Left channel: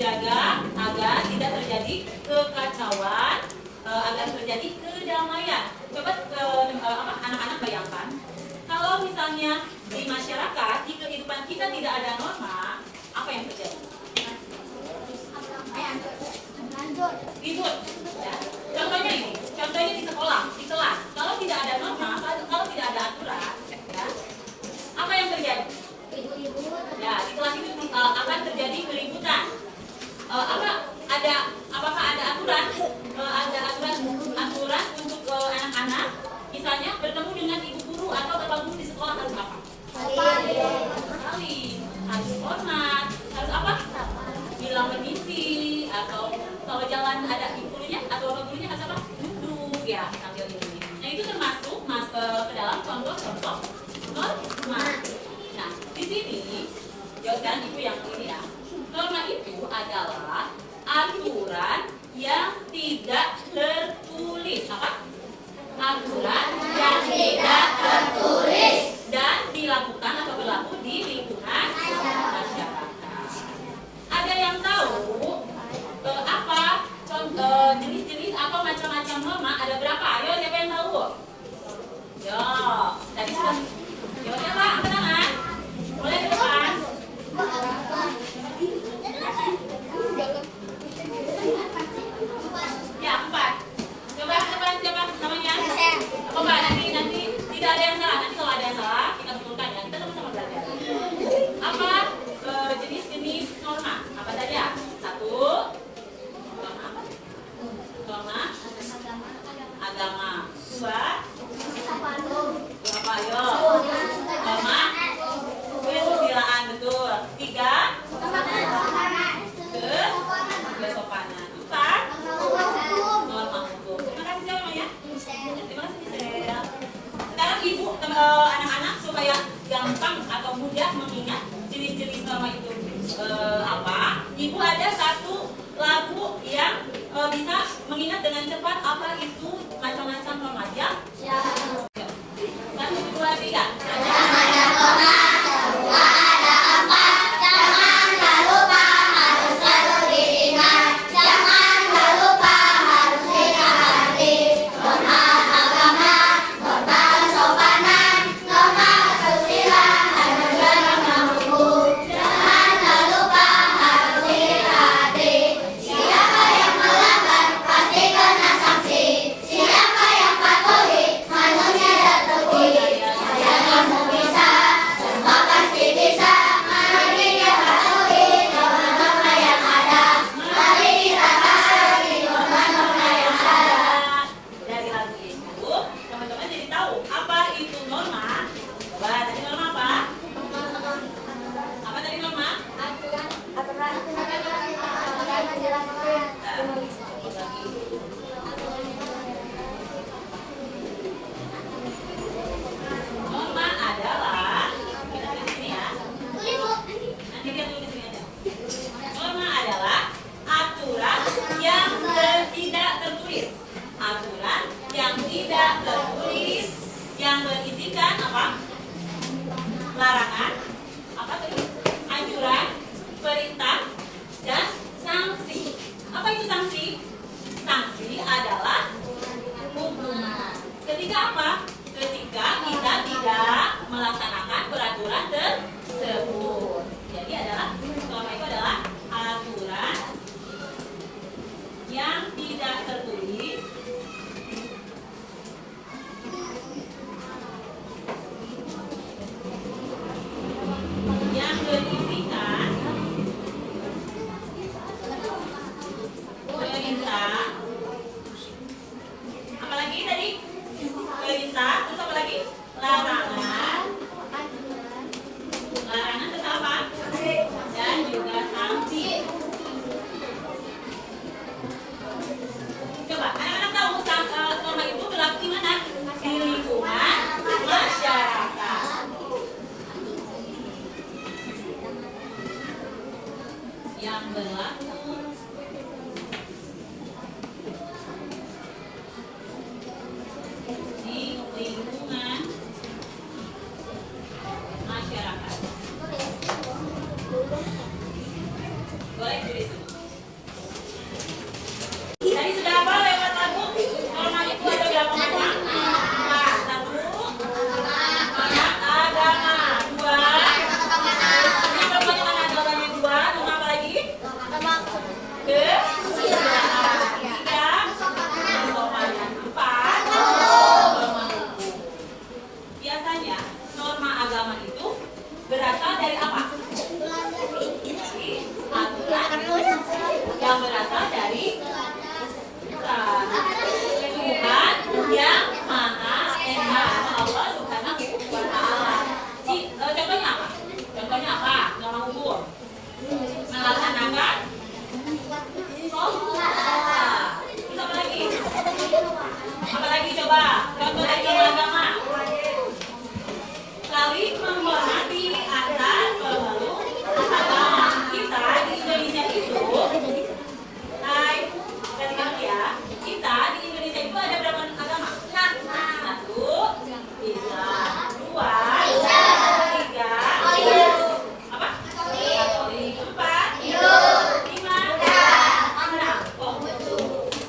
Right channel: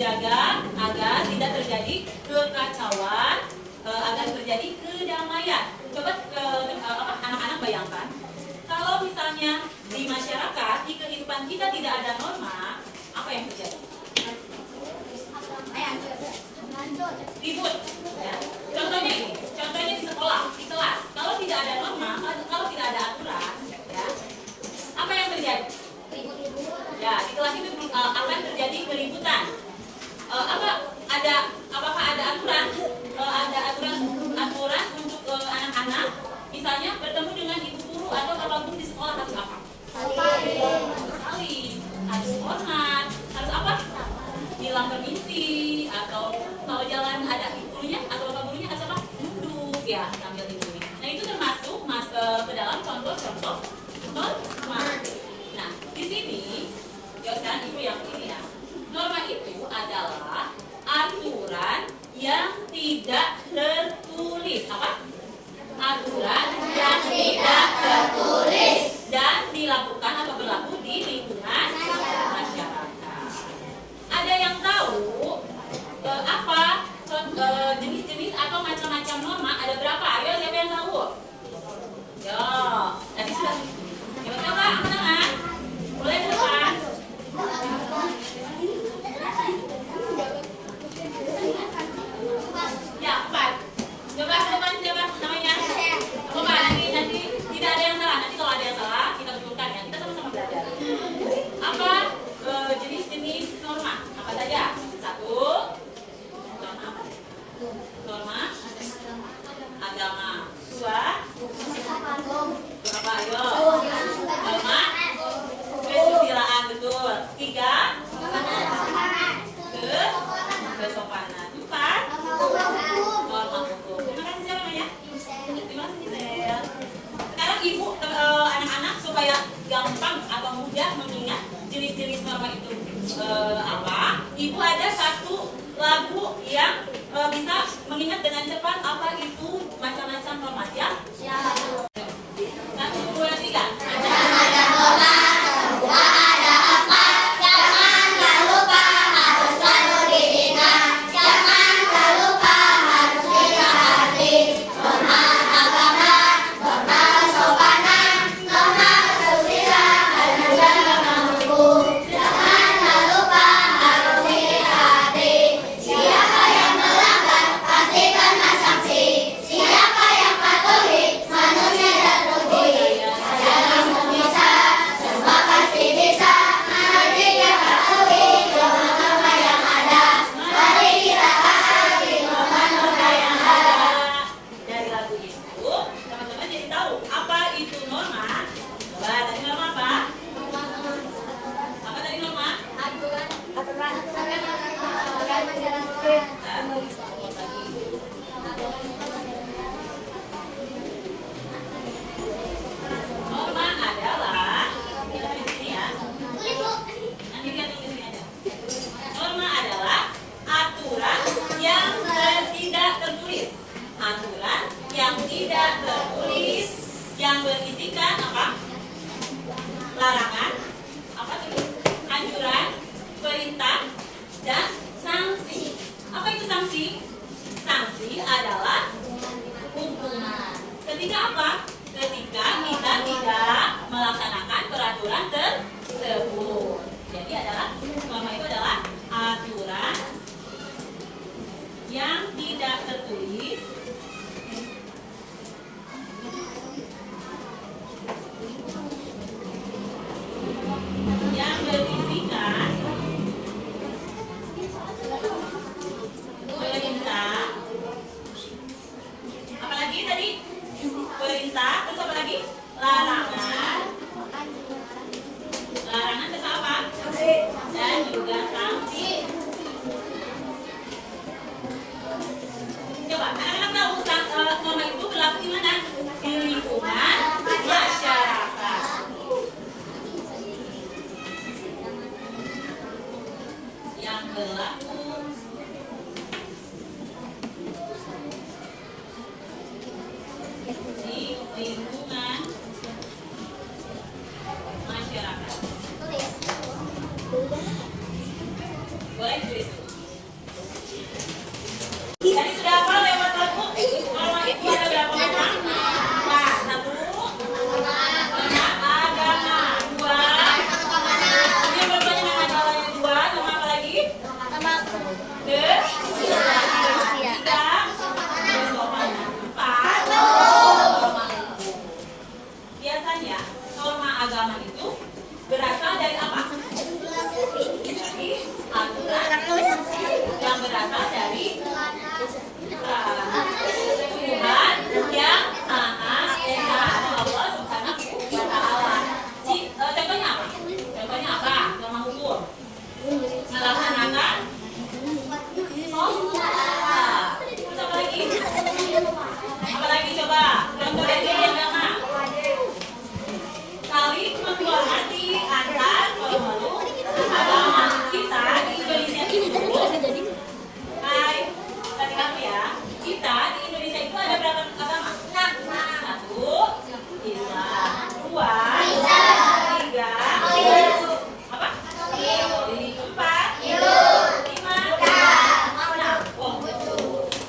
menjaga agar tidak terjadi kekacauan, agar terjadi kedamaian. Coba anak-anak bayangkan, kalau misalnya di masyarakat, di kehidupan kita tidak ada norma, apa yang terjadi? Ribut. Ya. Contohnya di sekolah, di kelas. Kalau tidak ada norma, kalau tidak ada aturan, ya, apa yang terjadi? Ya, di kelas itu akan terjadi keributan. Apakah ada aturan? Ada aturan untuk anak-anak, misalnya bertemu dengan ibu guru atau bapak guru di sekolah harus apa? Salim, harus hormat, harus apa? Bilang permisi, atau kalau jalan ada ibu gurunya atau bapak gurunya harus apa? Duduk ya sambil ini. Nah itu termasuk ke dalam contoh-contoh norma. Nah di sini, ya sekarang ibu yang ini ya. Norma itu adalah aturan yang tidak tertulis. Apa? Aturan yang tidak tertulis dan dilakukan atau berlaku di lingkungan masyarakat. Ada yang tahu apa jenis-jenis atau macam-macam norma? Ada berapa? Ayo siapa yang tahu? Yo, tadi sudah. Coba angkat tangan. Boleh ke depan. Ya, 4. Coba ke depan siapa namanya? Coba nanti tidak ada yang salah. Nanti kalau ada yang salah kita betulkan ya. Kita sama-sama belajar. Apa jenis-jenis norma? Apa saja? 1. Norma apa? Norma agama. 2. Apa ayo? Norma kesusilaan, betul. 3. Kesopanan. 4. Norma hukum. Terima kasih siapa namanya? Terima kasih Gisel. Sekarang ibu anak-anak supaya gampang atau mudah mengingat jenis-jenis norma itu apa? Ibu ada satu lagu yang bisa mengingat dengan cepat apa itu macam-macam norma. Siap? 1, 2, 3. Norma adalah, kita di sini ya. Nanti kita tulis di sini aja. Norma adalah aturan yang tidak tertulis. Aturan yang tidak tertulis yang berisikan apa? Larangan, apa tuh? Anjuran, perintah, dan sanksi. Apa itu sanksi? Sanksi adalah hukuman. Ketika apa? Ketika kita tidak melaksanakan peraturan tersebut. Jadi norma itu adalah aturan yang tidak tertulis yang berisikan perintah. Apalagi tadi? Perintah, terus apa lagi? Larangan. Larangan terus apa? Dan juga sanksi. Coba, anak-anak tahu norma itu berlaku di mana? Di lingkungan masyarakat. Yang berlaku di lingkungan masyarakat. Boleh tulis. itu berasal dari apa? Dari aturan yang berasal dari Tuhan yang Maha Esa atau Allah Subhanahu wa Ta'ala. Contohnya apa? Contohnya apa? Norma hukum melaksanakan sholat. Terus apa lagi? Apa lagi coba? Contoh dari agama. Saling menghormati antar pemeluk agama. Kita di Indonesia itu, hai, tadi kamu ya. Kita di Indonesia itu ada berapa agama? Satu, Islam. Dua, tiga, apa? Katolik. Empat, lima, enam. Oh,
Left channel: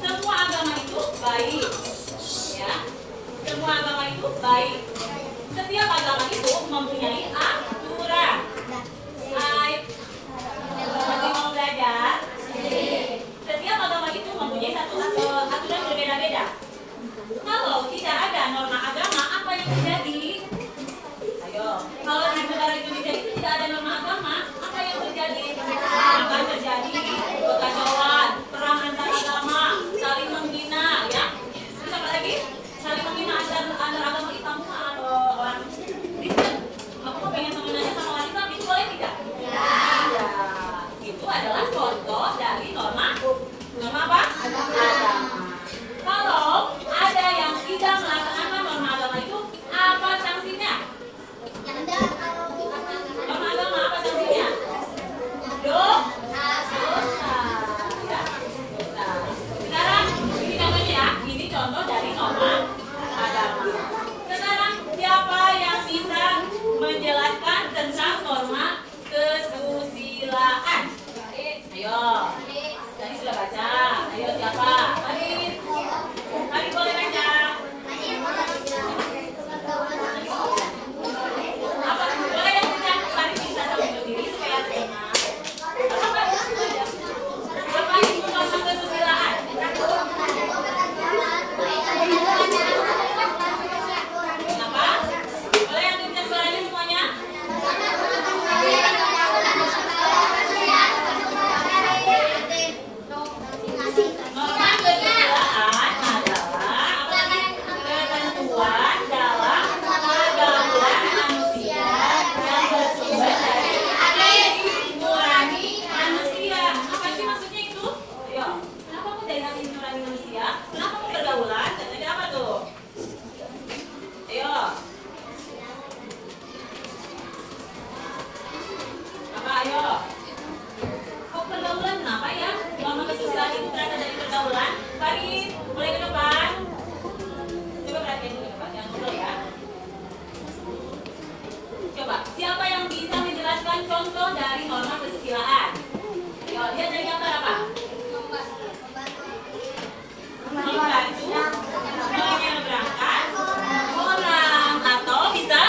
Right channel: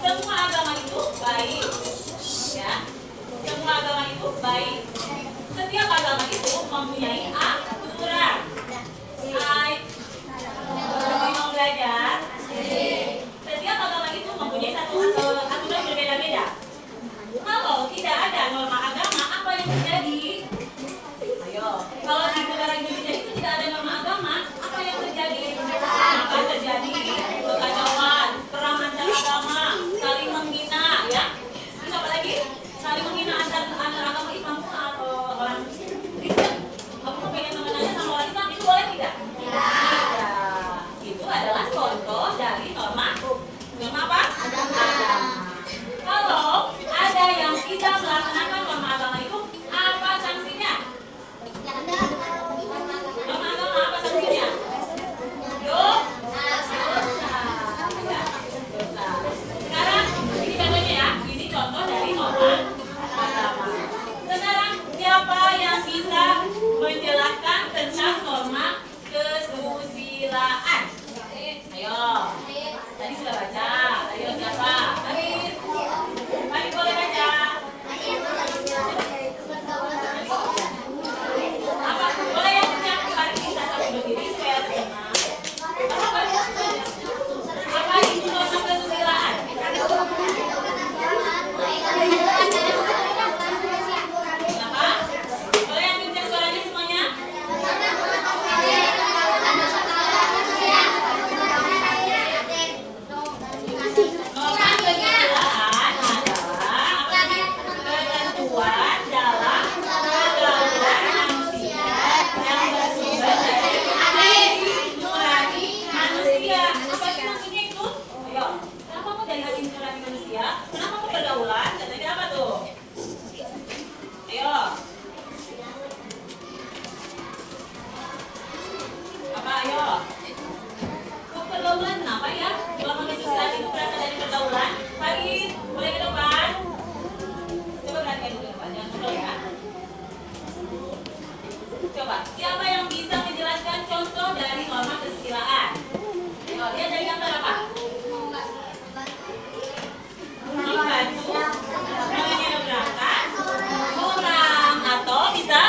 semua agama itu baik, ya. Semua agama itu baik. Setiap agama itu mempunyai aturan. Hai, masih mau belajar? Setiap agama itu mempunyai satu aturan berbeda-beda. Kalau tidak ada norma agama, apa yang terjadi? Ayo, kalau di negara Indonesia itu tidak ada norma agama, apa yang terjadi? Akan terjadi kekacauan, perang antar agama, saling menghina, ya. Terus apa lagi? Saling menghina antar agama Islam atau orang Kristen. Aku mau pengen mengenalnya sama orang Islam, itu boleh tidak? Tidak. Itu adalah contoh dari norma apa? Agama. Kalau ada yang tidak melaksanakan norma agama itu, apa sanksinya? Norma agama apa sanksinya? Dosa. Ya, dosa. Sekarang ini contohnya ya. Ini contoh dari norma agama. Sekarang siapa yang bisa menjelaskan tentang norma kesusilaan? Ayo. Tadi sudah baca. Ayo siapa? Arif. Arif boleh baca. Apa? Boleh yang baca? Arif bisa sambil berdiri supaya tenang. Apa itu norma kesusilaan? Apa? Boleh yang diucap suaranya semuanya? Norma kesusilaan adalah ketentuan dalam pergaulan manusia yang bersumber dari hati nurani manusia. Apa sih maksudnya itu? Ayo, kenapa mau dari hati nurani manusia? Kenapa mau pergaulan? Dan tadi apa tuh? Ayo. Apa ayo? Kok pergaulan kenapa ya? Norma kesusilaan itu berasal dari pergaulan. Farid, boleh ke depan? Coba perhatikan dulu ya, jangan ngobrol ya. Coba, siapa yang bisa menjelaskan contoh dari norma kesusilaan? Ayo, lihat dari gambar apa? Membantu, menyeberangkan orang atau bisa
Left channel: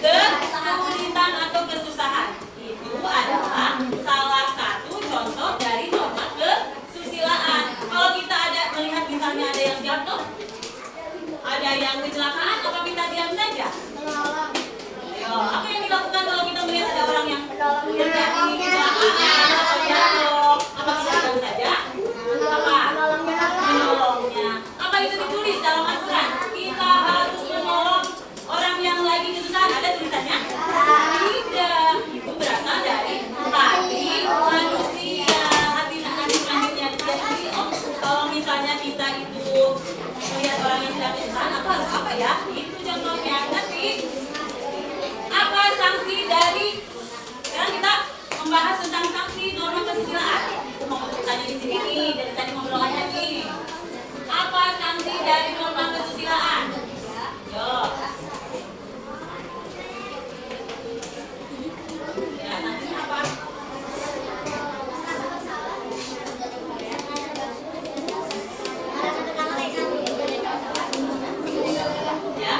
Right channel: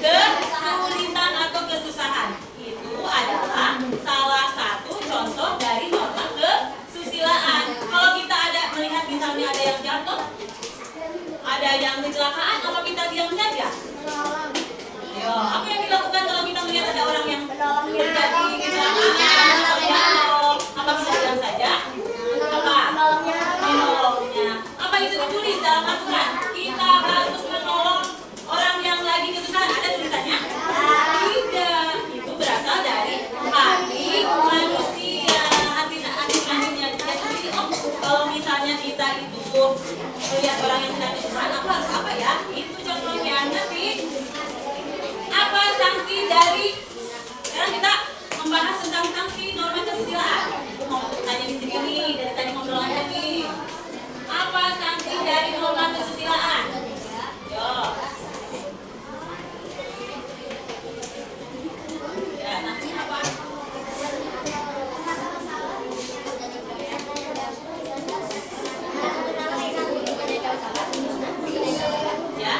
kesulitan atau kesusahan. Itu adalah salah satu contoh dari norma kesusilaan. Kalau kita ada melihat misalnya ada yang jatuh, ada yang kecelakaan, apa kita diam saja? Ayo, apa yang dilakukan kalau kita melihat ada orang yang terjadi kecelakaan atau jatuh? Apa kita diam saja? Apa? Menolongnya. Apa itu ditulis dalam aturan? Kita harus menolong orang yang lagi kesusahan. Ada tulisannya? Tidak. Itu berasal dari hati manusia, hati nuraninya dia sendiri. Oh, kalau misalnya kita itu melihat orang yang sedang kesusahan, aku harus apa ya? Itu contohnya. Nanti apa sanksi dari? Sekarang kita membahas tentang sanksi norma kesusilaan. Aku mau tanya di sini nih, dari tadi ngobrol aja nih. Apa sanksi dari norma kesusilaan? Yo. Ya, sanksi apa? Ya,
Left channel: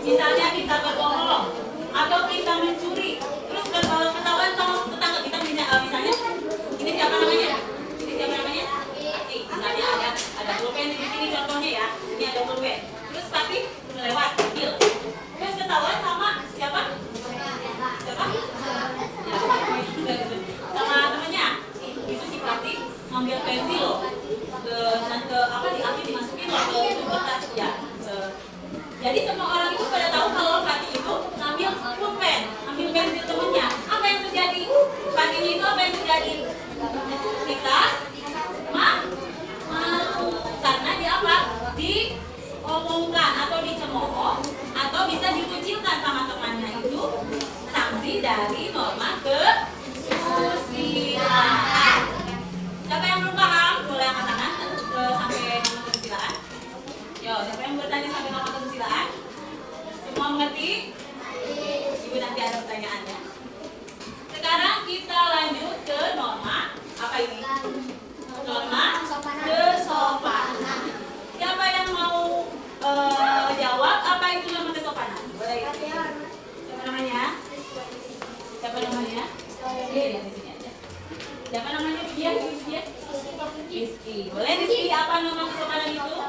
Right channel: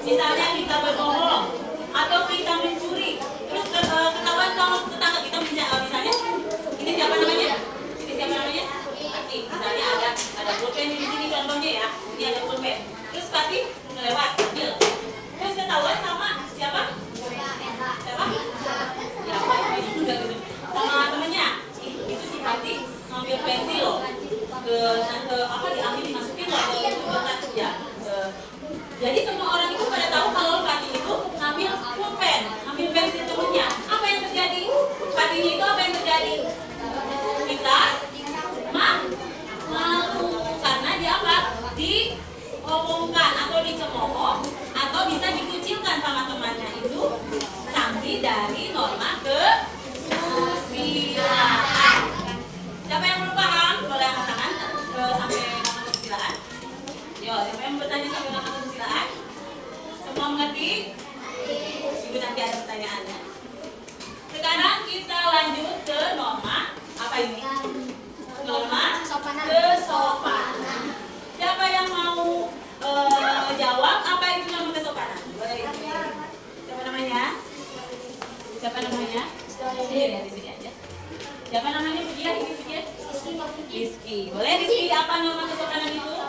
misalnya kita berbohong atau kita mencuri, terus ketahuan sama tetangga kita misalnya, ini siapa namanya? Ini siapa namanya? Nih, misalnya ada pulpen di sini contohnya ya, ini ada pulpen. Terus Fatih lewat ambil, terus ketahuan sama siapa? dari norma kesusilaan. Siapa yang belum paham? Boleh angkat tangan sampai norma kesusilaan. Yo, siapa yang bertanya sampai norma kesusilaan? Semua mengerti? Ibu nanti ada pertanyaannya. Sekarang kita lanjut ke norma apa ini? Norma kesopanan. Siapa yang mau jawab apa itu norma kesopanan? Boleh. Siapa namanya? Siapa namanya? Iya, di sini aja. Siapa namanya? Dia, Rizky. Boleh Rizky, apa norma kesopanan itu?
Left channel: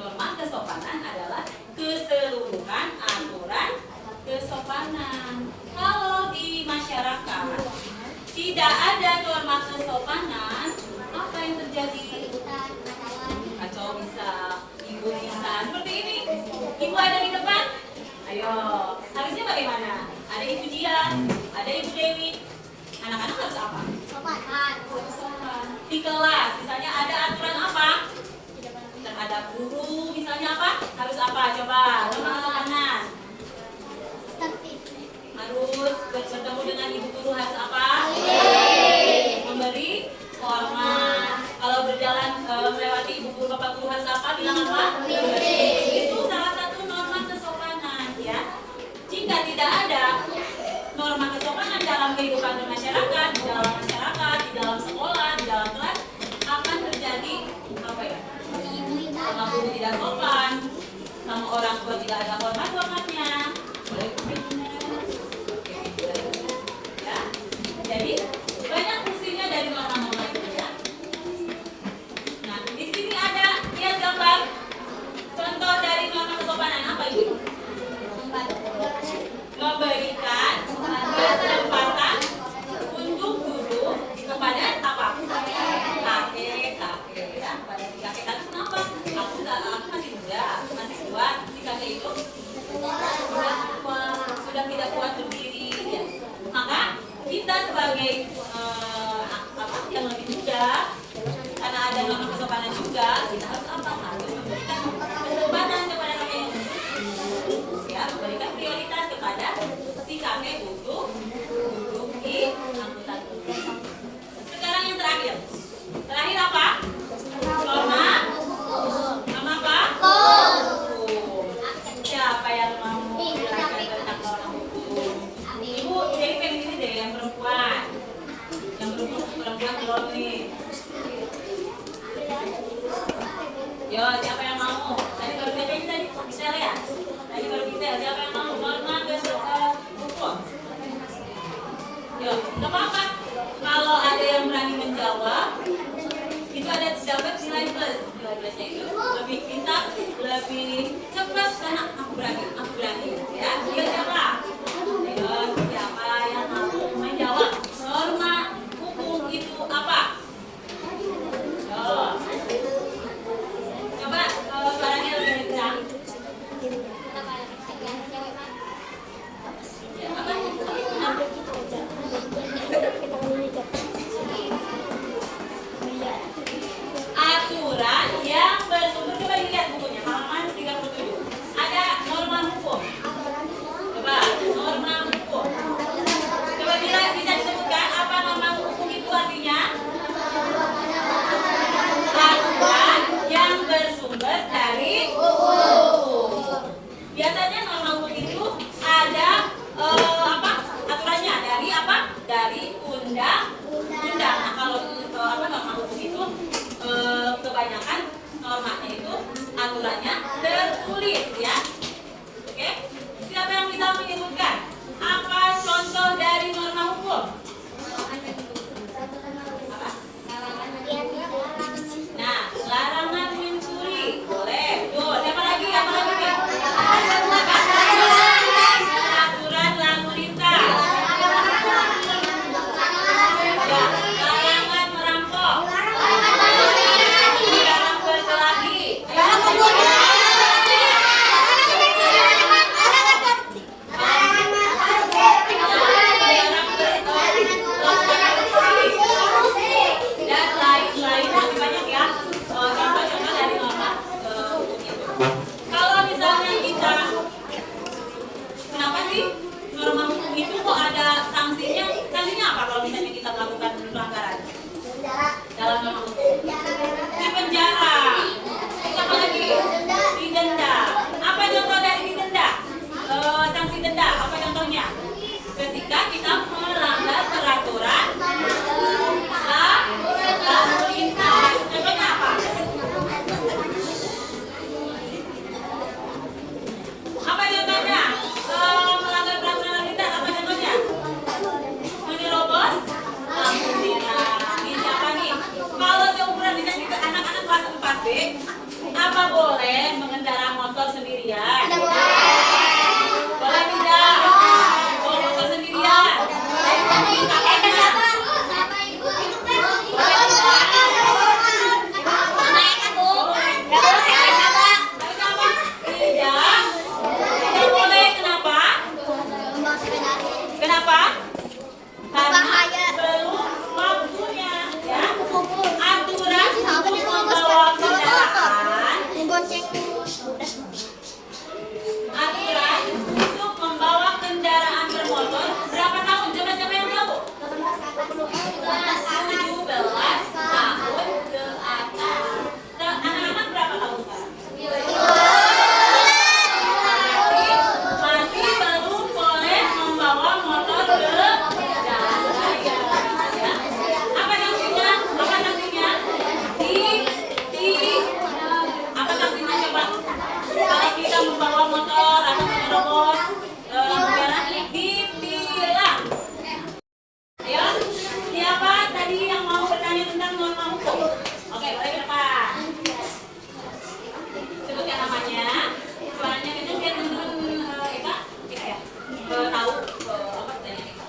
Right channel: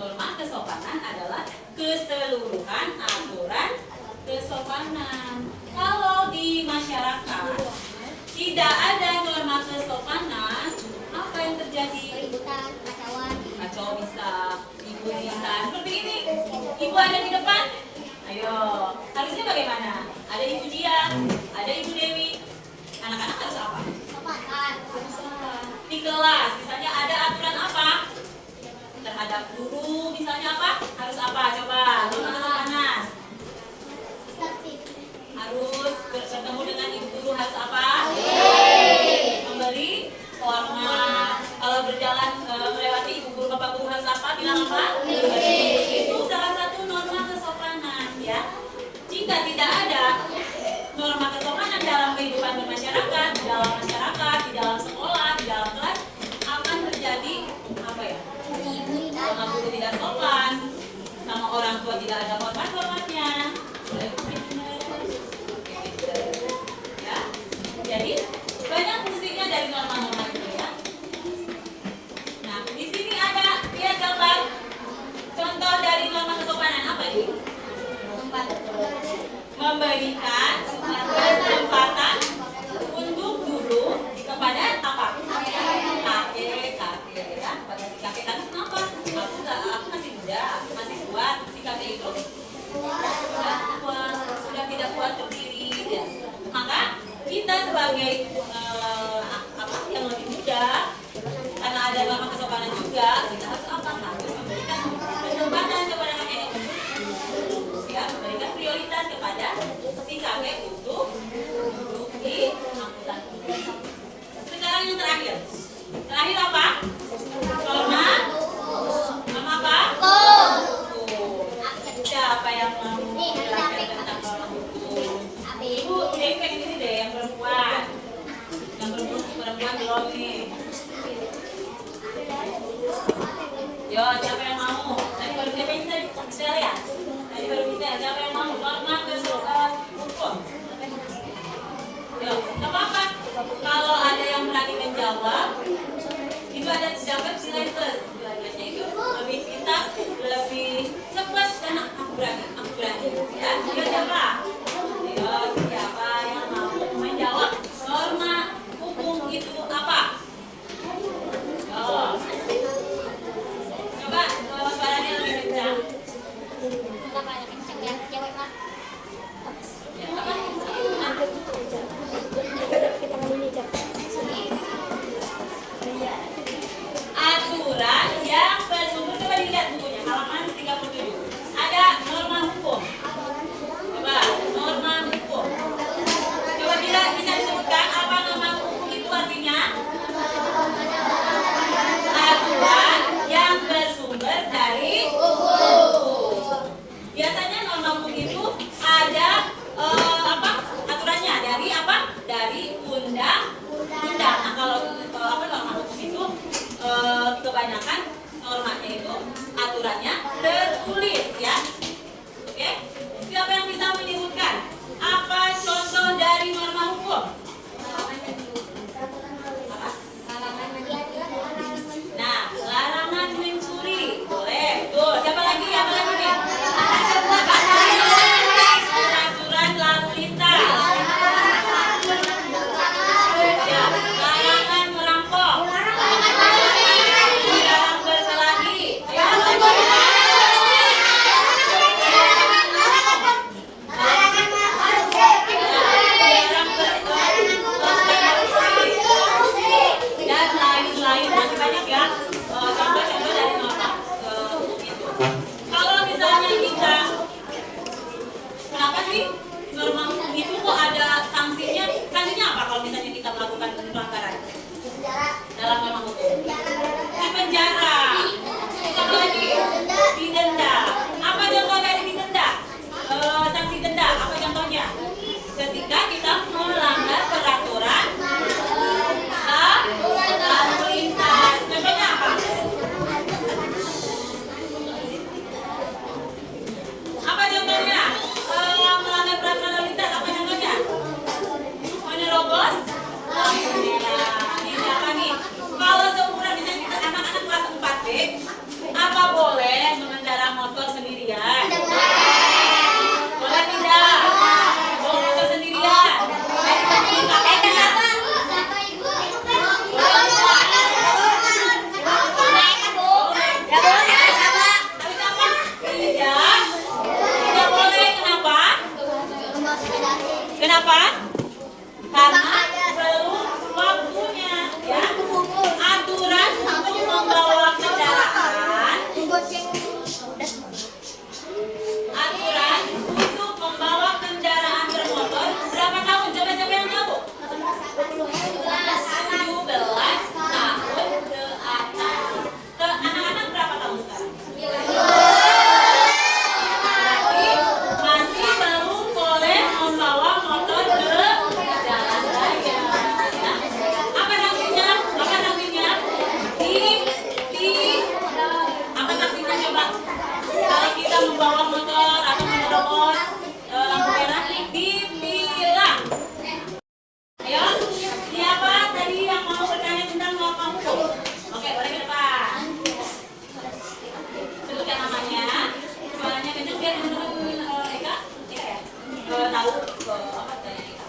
Norma kesopanan adalah keseluruhan aturan kesopanan. Kalau di masyarakat tidak ada norma kesopanan, apa yang terjadi? Kacau bisa, ibu bisa seperti ini. Ibu ada di depan. Ayo, harusnya bagaimana? Ada Ibu Dia, ada Ibu Dewi. Anak-anak harus apa? Sopan. Di kelas, misalnya ada aturan apa? Terhadap guru, misalnya apa? Harus apa? Coba, norma kesopanan. Harus bertemu dengan ibu guru harus apa? Memberi hormat. Kalau berjalan melewati ibu guru, bapak guru harus apa? Bilang apa? Itu salah satu norma kesopanan, ya. Jika tidak ada norma kesopanan dalam kehidupan bermasyarakat, di dalam sekolah, di dalam kelas, akan terjadi apa ya? Sama guru tidak sopan, sama orang tua tidak ada hormat-hormatnya. Ya. Jadi banyak fungsinya dari norma-norma itu, ya. Nah, di sini ada dia gambar contoh dari norma kesopanan apa itu? Memberikan kesempatan untuk guru kepada apa? Kakek, ya. Pada si kakek kan kenapa? Aku masih muda, masih kuat. Si kakek itu sudah tidak kuat berdiri, ya. Maka kita sebagai yang lebih muda, karena ada norma kesopanan juga, kita harus apa? Harus memberikan kesempatan kepada kakek, ya, memberikan prioritas kepada si kakek untuk duduk di angkutan umum. Sekarang yang terakhir apa? Norma apa? Siapa yang mau menjelaskan tentang norma hukum? Ibu ini pengen ini deh, yang perempuan belum nih. Yo, siapa yang mau? Tadi baru siapa yang bisa ya? Tadi baru bisa. Siapa yang mau? Norma kesopanan hukum. Yo, nggak apa-apa. Kalau ada yang berani menjawab, itu ada dapat nilai plus. Nilai plusnya itu lebih pintar, lebih cepat karena aku berani. Ya, yo siapa? Yo, siapa yang mau menjawab? Norma hukum itu apa? Yo. Coba suaranya lebih kencang. Aturan Kalau misalnya kita, kenapa sih itu kok ada sanksinya? Sanksinya apa kalau misalnya kita melakukan pelanggaran dalam norma hukum? Di penjara. Satu lagi, didenda. Apa contoh dari didenda? Sanksi denda, apa contohnya? Ketika kita melanggar peraturan lalu lintas. Contohnya apa? Apa contohnya? Melanggar peraturan lalu lintas, apa contohnya? Menerobos lampu merah. Ini siapa nih? Kalau seumuran misalnya kita anak-anak kelas 4B, apa boleh mengendara motor sendirian? Boleh tidak? Bawa motor sendirian? Pakai tidak? Tidak boleh. Kenapa? Kenapa? Karena belum waktunya, ya. Aturan untuk membawa kendaraan. Aturan untuk membawa kendaraan bermotor berapa tahun? Coba siapa yang tahu? 17 tahun ke atas. Anak-anak berapa tahun sekarang? Masih belum boleh membawa motor ke jalan raya. Ya. Apa sanksinya? Apa sanksinya? Apa sanksinya coba? Kalau kita membawa motor atau menerobos lampu merah, ditilang. Ayo, siapa tadi yang mau bertanya tentang norma hukum? Oke, boleh ke depan. Sebutkan namanya, suaranya kenceng biar teman-teman Eka, ya, tahu apa pertanyaan Eka.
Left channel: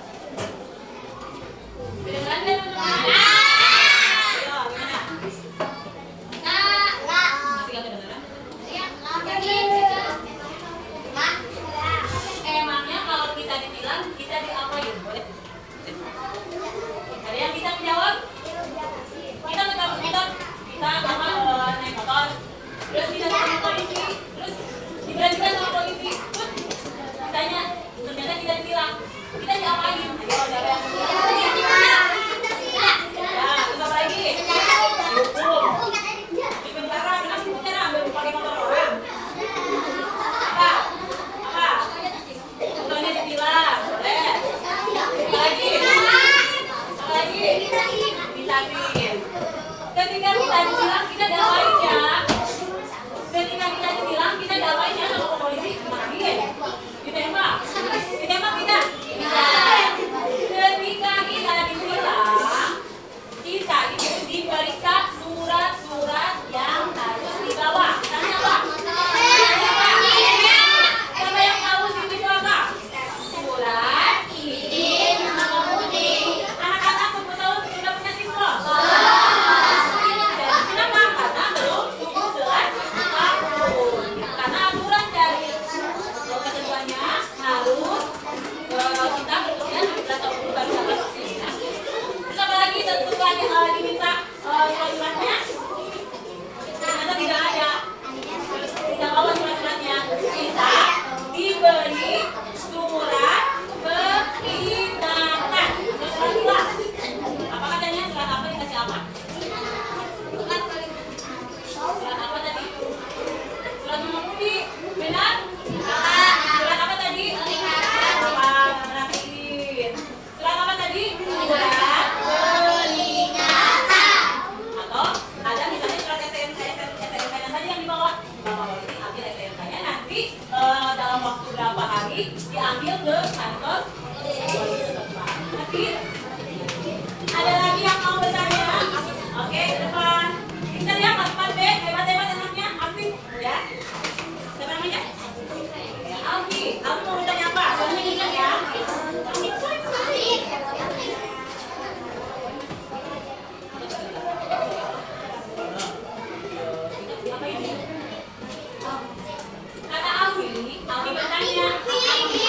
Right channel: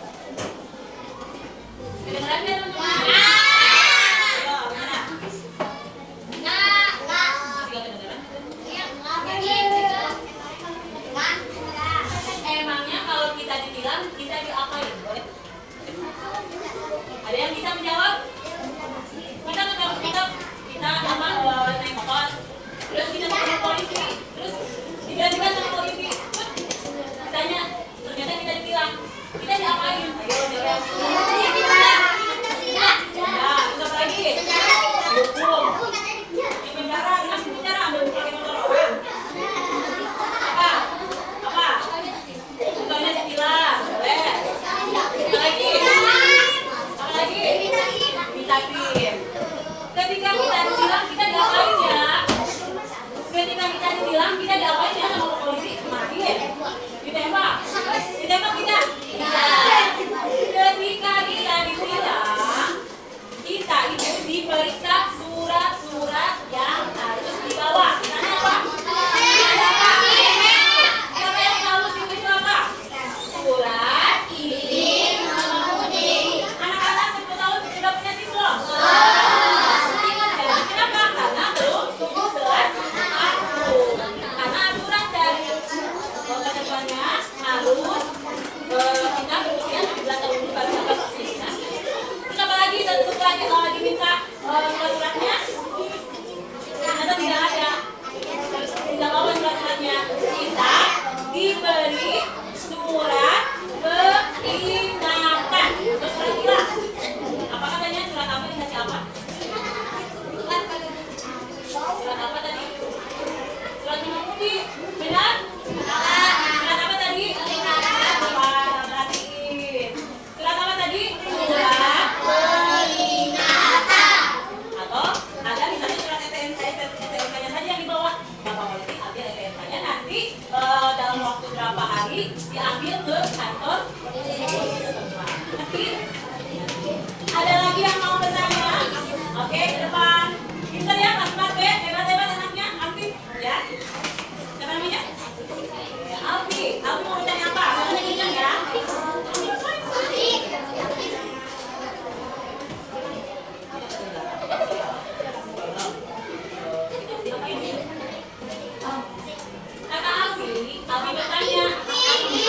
Kedengeran kan teman-teman? Ayo, gimana? Masih gak kedengeran? Emangnya kalau kita ditilang, kita diapain? Boleh? Ada yang bisa menjawab? Kita naik motor, terus kita ketemu polisi, terus tiba-tiba sama polisi, tanya, ternyata kita ditilang, kita diapain? Ayo, jawab. Ya, terus apa lagi? Dihukum. Di penjara, dikasih penjara, ambil pakai motor orang. Apa? Contohnya ditilang, boleh. Apa lagi? Ditasin. Ketika kita ditilang, kita diapain ya? Ketika kita ditilang, kita diapain ya sama polisi? Kemarin ditembak. Ditembak tidak? Tidak. Ketika kita ditilang, kita itu diperiksa surat-surat yang harus dibawa. Misalnya apa? Siapa yang tahu SIM itu apa? Surat izin mengemudi. Anak-anak 10 tahun sudah punya SIM belum? Jadi kenapa? Karena belum 17 tahun. Karena aturan dari ketentuannya harus kita berusia 17 tahun baru dapat SIM. Terus apa lagi? Tentu lagi diminta surat-suratnya. Ternyata tidak ada. Tidak bawa surat-suratnya. Kita diberi surat peringatkan. Terus lagi lah. Apa katanya? Surat apa dikasih apa? Surat apa tadi? Surat mengemudi. Benar? Surat apa tadi? Surat apa tadi? Surat peringatan. Atau ada misalnya surat STNK-nya saja yang dibawa. Bapak boleh diambil STNK-nya nanti dalam waktu berapa hari diambil ke kantor polisi setempat. Ngerti? Ada lagi yang mau bertanya? Oke, ke depan. Pintar ya, Mas B. Hebat-hebat anaknya, aktif ya. Siapa namanya? Alfi. Alfi mau bertanya apa? Soalnya kencang ya. Apa ini? Kata Alfi bertanya. Alfi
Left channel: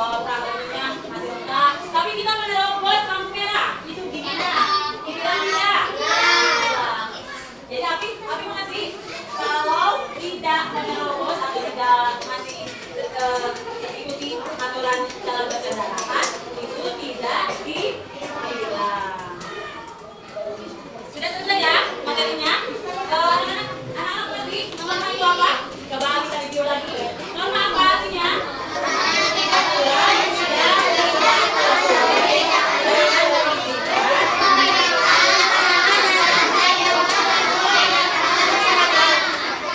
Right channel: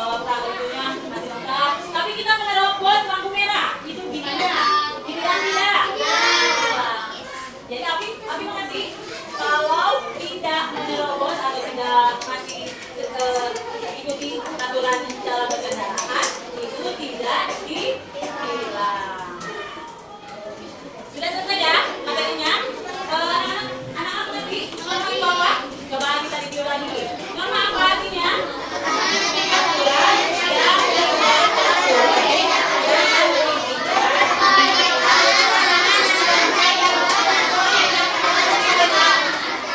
Perangkatnya masih lengkap. Tapi kita menerobos lampu merah. Itu gimana? Dibilang tidak? Jadi Abi mengerti kalau tidak menerobos atau tidak masih ikuti aturan dalam berkendara itu tidak ditilang. Sudah selesai ya materinya? Anak-anak mengerti norma itu apa? Coba kita review lagi. Norma apa artinya? Aturan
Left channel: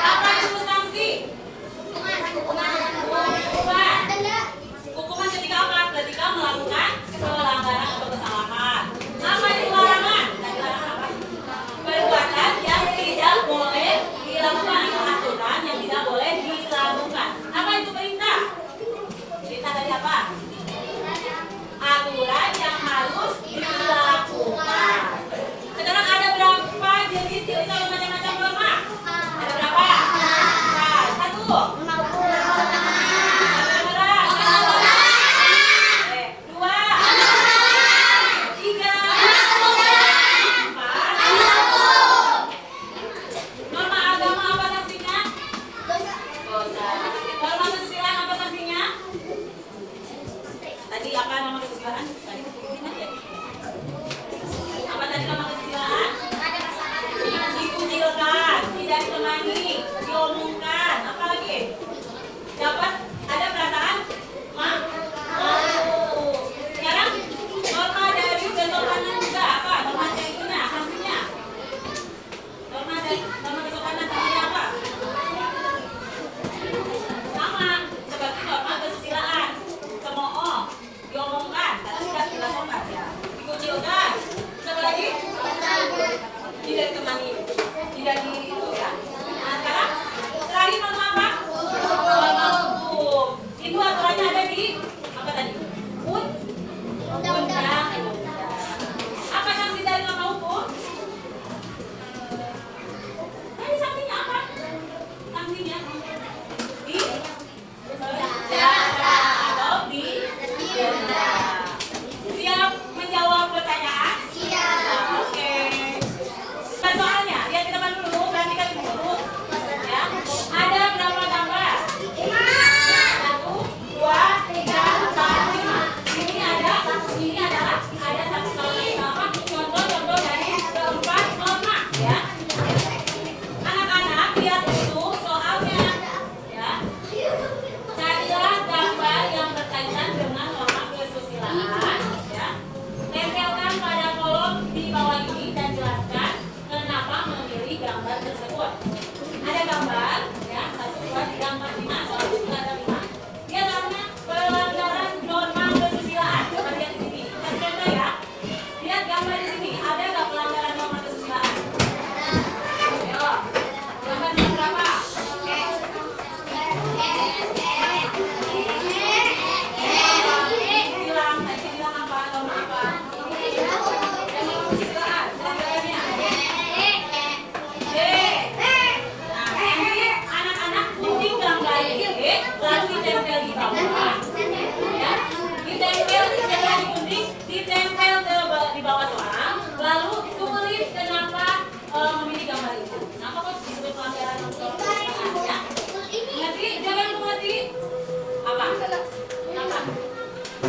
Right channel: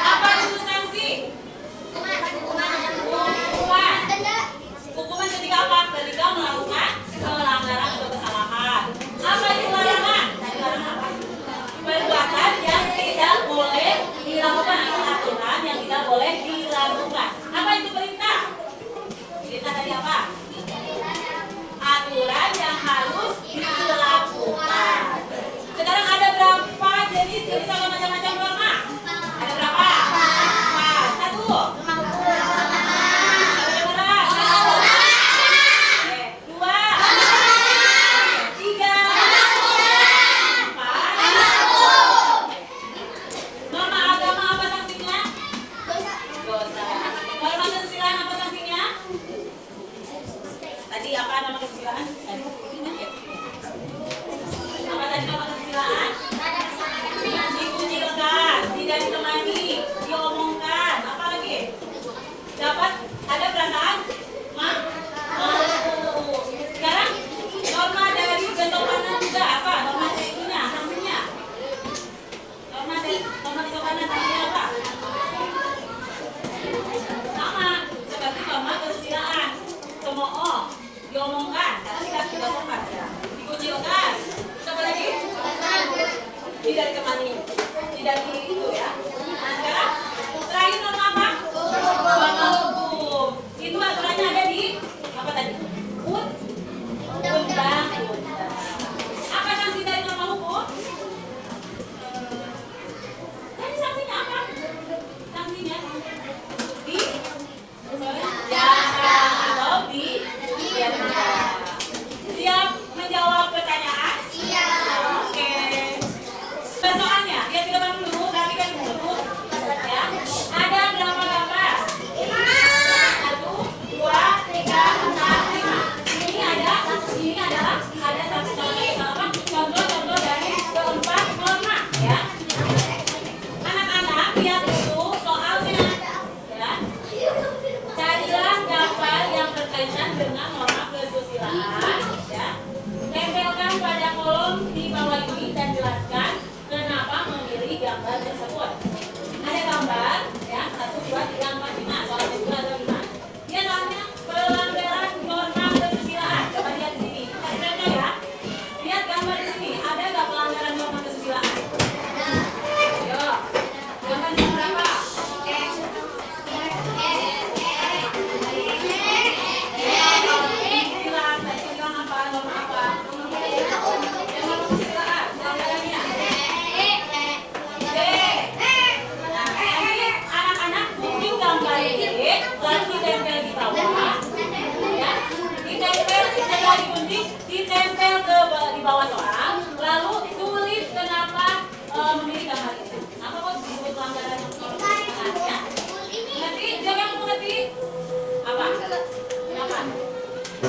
apa itu sanksi? Hukuman ketika apa? Ketika melakukan pelanggaran atau kesalahan. Apa itu larangan? Tadi larangan apa? Perbuatan yang tidak boleh dilakukan atau aturan yang tidak boleh dilakukan. Apa itu perintah? Perintah dari apa? Aturan yang harus dilakukan. Sekarang ada berapa jenis kalau macam-macam norma? Ada berapa? Satu. Dua. Tiga. Empat. Norma agama apa sanksinya? Dosa. Norma kesusilaan apa sanksinya? Tadi apa norma kesusilaan? Apa tadi norma kesusilaan? Dikucilkan, tidak ditemani, diomongkan, apa lagi? Dapat ada perasaan sekarang norma dari kesopanan juga apa? Norma teknisnya, sanksinya. Norma kesopanan sanksinya apa? Sama seperti norma kesusilaan. Cemooh, diomongkan, karena tidak sopan ya. Dikucilkan. Siapa lagi? Tidak ditemani, tidak itu ya. Nah sekarang terakhir norma apa? Norma hukum. Itu aturannya ada di apa tadi? Undang-undang. Apa sanksi dari norma hukum? Tadi sanksinya apa? Sanksinya di penjara atau di penjara. Siap menjawab pertanyaan? Oke. Soalnya, lihat ke depan dulu, perhatikan dulu. Ya. Ada berapa gambar? 1, 2, 3, 4, 5. Ini adalah ada contoh-contoh dari keempat norma, ya. Anak-anak lihat dulu soalnya, ya. Carilah gambar yang berkaitan dengan norma kesusilaan, ya. Tempelkan pada kolom di bawah ini dan jelaskan kenapa memilih gambar tersebut. Ada gambar, ya, 1, 2, 3, 4, 5. Soal itu ada 5. Dia namanya pelanggaran norma kesusilaan. Coba lihat di sini. Tempelkan ya. Lihat gambar di sini. Ada nggak pelanggaran norma kesusilaan? Ayo. Gambar yang berapa? Bilang apa? Norma apa? Norma kesusilaan. Pelanggarannya. D. Nah, nanti anak-anak gunting gambar ini lalu ditempel di bawah, ya. Ditempel setelah digunting, ditempel di bawah soal, lalu tulis kenapa memilih gambar itu. Apa kok disebut pelanggaran norma kesusilaan, ya? Mengerti? Siapa yang mengerti? Apa?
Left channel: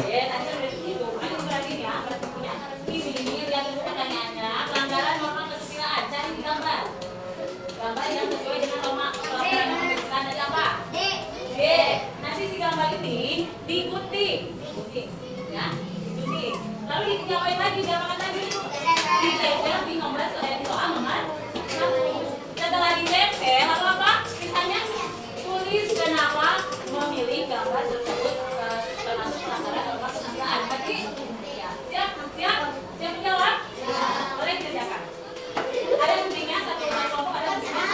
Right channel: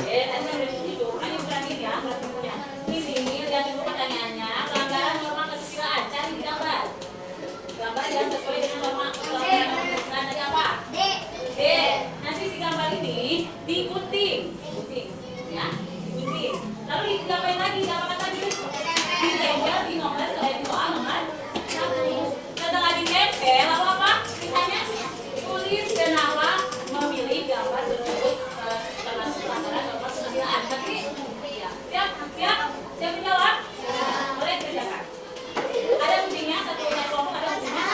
Nanti yang itu, makanya perhatiin ya, perhatiannya. Ini lihat dulu pertanyaannya, pelanggaran norma kesusilaan, cari di gambar. Gambar yang sesuai dengan norma pelanggaran norma kesusilaan tadi apa? D. Nanti si gambar ini digunting, ya, digunting. Lalu diapain lagi? Diapakan tadi? Ditempel di nomor di soal nomor 1. Setelah ditempel, lalu apa? Misalnya tulis kenapa memilih gambar tersebut termasuk pelanggaran norma kesusilaan. Berarti, ya, siap menjawab? Boleh kerjakan. Ada guntingnya, satu kelompok ada guntingnya.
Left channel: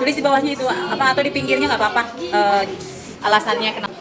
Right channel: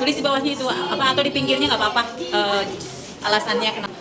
Tulis di bawahnya itu apa atau di pinggirnya nggak apa-apa. Alasannya kenapa.